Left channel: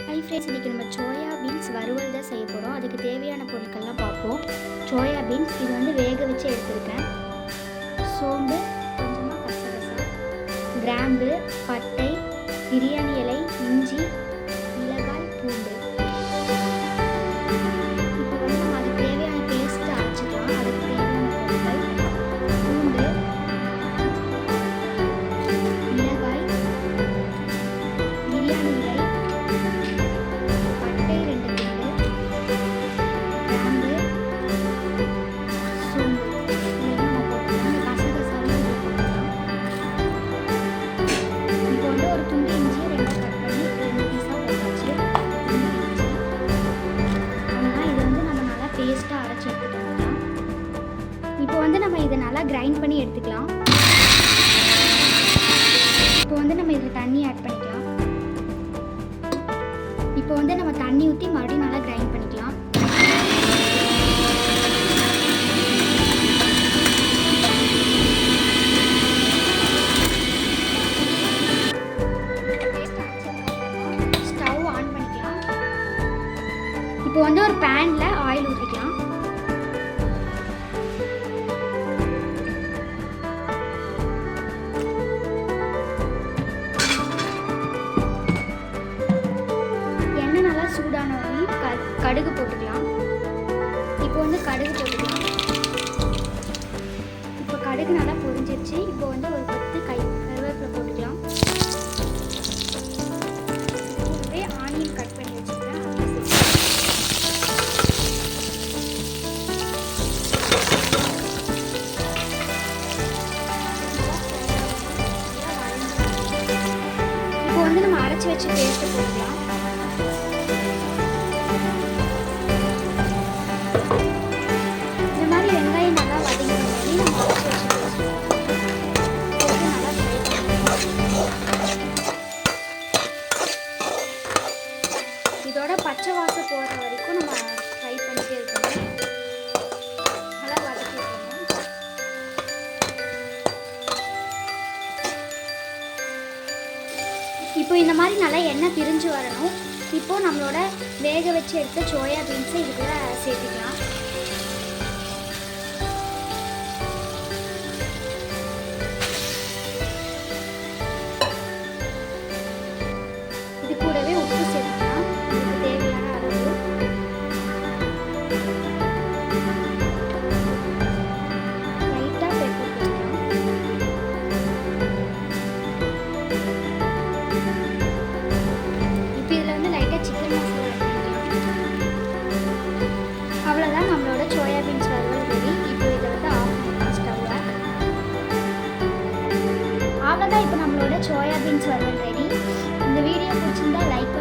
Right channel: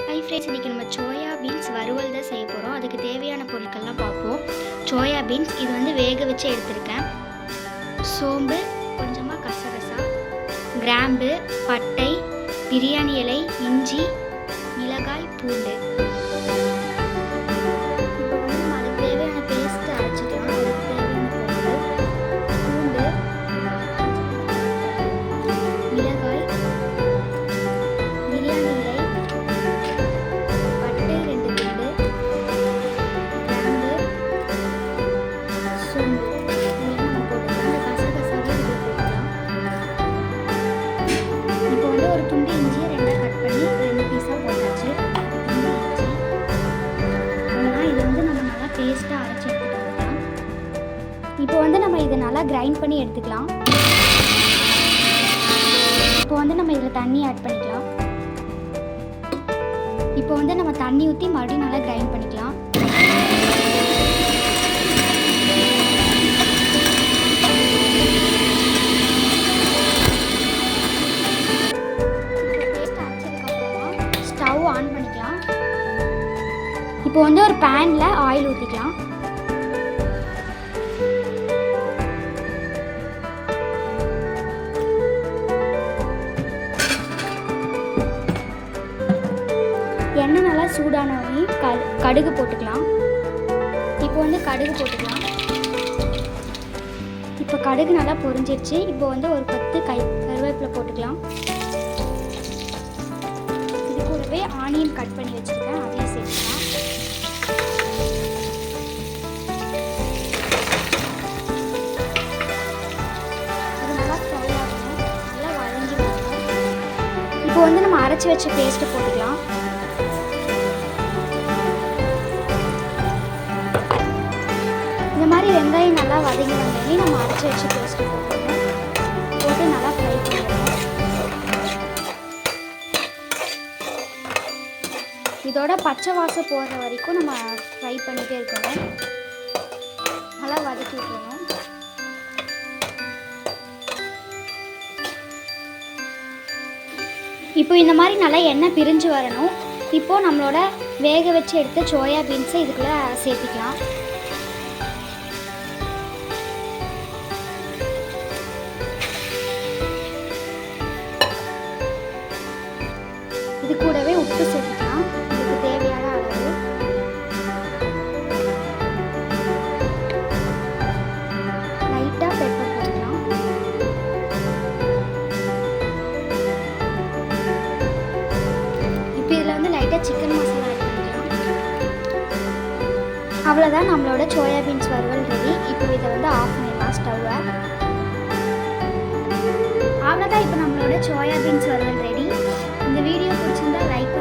Hi friends, இன்றைக்கி நம்ம soya beans வறுவல் தான் செய்ய போகிறோம். அதுக்கு தேவையான பொருட்கள்லாம் பார்ப்போம். சோயா பீன்ஸ் இது வந்து வேக வச்சு எடுத்திருக்கேன். சோம்பு, கொஞ்சமாக கசகசா, கிராம்பு, பட்டை, பிரியாணி இலை, இஞ்சி, மிளகாய், பூண்டு. இப்போ வந்து நம்ம அதுக்கு தேவையான பேஸ்ட்டு அரைச்சிக்கலாம். அதுக்கு தேவையான பொருட்கள் பூண்டு, மிளகாய், பிரியாணி இலை, பட்டை 2 துண்டு, கிராம்பு, சோம்பு இதெல்லாம் நம்ம போட்டுக்கலாம். அந்த கசகசாவும் இதில் போட்டுக்கலாம். இப்போ வந்து ஒரு துண்டு இஞ்சியை 2 கட் பண்ணி 2 பீஸாக போட்டாச்சு. துண்டு இஞ்சி அவ்வளோதான். இது வந்து நம்ம நல்லா பேஸ்ட்டாக அரைச்சி எடுத்துக்கலாம். இப்போ வந்து நம்ம இதை நல்லா கிரைண்ட் பண்ணி எடுத்துக்கலாம். இப்போ வந்து நம்ம இதில் தண்ணி ஆட் பண்ணிக்கலாம். இப்போ வந்து நம்ம தண்ணி ஊற்றி மறுபடியும் நல்லா கிரைண்ட் பண்ணிக்கலாம். ஸ்டவ் ஆன் பண்ணிக்கலாம். இப்போ வந்து ஒரு பேனில் ஆயில் ஊற்றிக்கலாம். எண்ணெய் நல்லா சூடானோடனே கடுகு போட்டுக்கலாம். இப்போ வந்து கடுகு போட்டுக்கலாம். இப்போ கடுகு நல்லா பொரிஞ்சிடுச்சு. இப்போ வந்து ஒரு 10 கருவேப்பிலை போட்டுக்கலாம். இது கூடவே ஆனியன் கட் பண்ணி வச்சுருக்கேன், அதையும் சேர்த்துக்கலாம். நல்லா ஃப்ரை ஆகணும், நல்லா வதங்கி வரணும். இப்போ வந்து நம்ம அரைச்சி வச்ச பேஸ்ட்டு போட்டுக்கலாம். இந்த மாதிரி வெங்காயம் நல்லா வதங்கி வந்தோடனே நம்ம அரைச்சி வச்சு பேஸ்ட்டு போட்டு நல்லா ஃப்ரை பண்ணணும். இதோட பச்சை வாசம் போகிற வரைக்கும் நம்ம ஃப்ரை பண்ணிகிட்டே இருக்கணும். நல்லா வதக்கி விட்டுறணும். இப்போ இந்த மாதிரி நல்லா எண்ணெய் பிரிஞ்சு வரணும். இப்போது நம்மளோட வேக வச்சு எடுத்த சோயா பீன்ஸை இதுக்குள்ளே சேர்த்துக்கலாம். இது கூடவே உப்பு சேர்த்துக்கலாம், இதுக்கு தேவையான அளவு. லைட்டாக பெப்பர் போட்டுக்கலாம். இப்போ இதில் வந்து லைட்டாக சிக்கன் மசாலா ஆட் பண்ணிக்கலாம். அவ்வளோதான், நம்மளோட சோயா பீன்ஸ் வறுவல் ரெடி. இப்போ இதை வந்து ஆஃப் பண்ணிடலாம் ஸ்டவ்வை. அவ்வளோதான், இப்போ நம்மளோட சோயா பீன்ஸ் வறுவல் ரெடி. இந்த வீடியோ பிடிச்சிருந்தா லைக்